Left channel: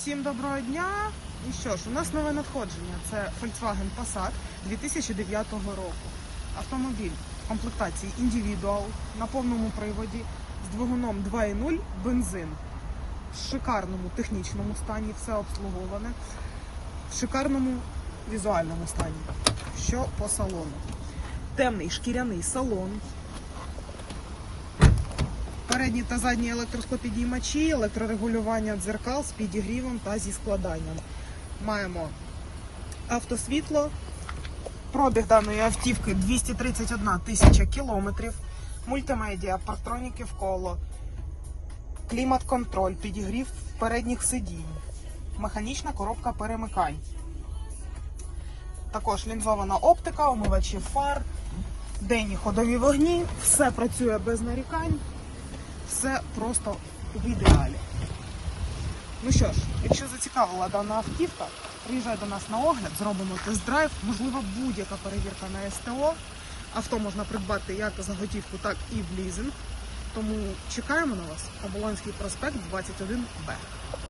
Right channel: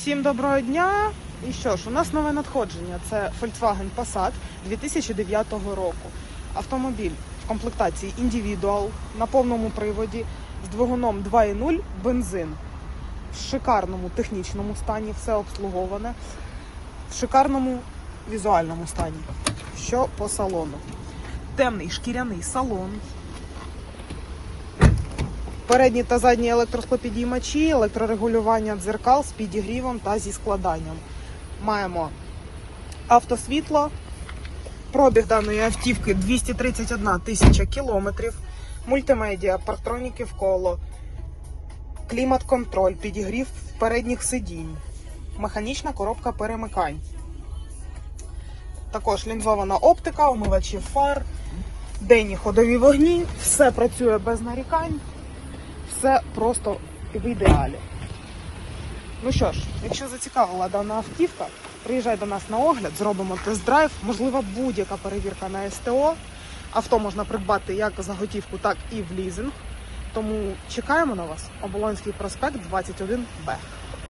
Всім доброго дня! І що ж, у нас нове надходження. Це Volkswagen Passat 2009 року. Автомобіль в комплектації Individual на повному приводі з двигуном 2.0 бензин. В шикарному технічному стані, все обслуговане, в шикарному візуальному стані. Що по салону? Темний шкіряний салон. Передні та задні електросклопідіймачі, електрорегулювання дзеркал з підігрівом та зі складанням. Маємо автосвітло. Пробіг даної автівки 231 тисяча кілометрів. Мультимедіа, партроніки в коло, клімат-контроль, підігрів передніх сидінь, механічна коробка перемикань. Також лінзована оптика, омивачі фар, денні ходові вогні, все працює без нарікань все просто в ідеалі. Ну що ж, якщо зацікавила дана автівка, приїжджай до нас на огляд, зробимо тест-драйв, можливо, будь-яка перевірка на СТО. Авто можна придбати як за готівку, так і в лізинг. Тому чекаємо на вас. Оболонський проспект 21Б.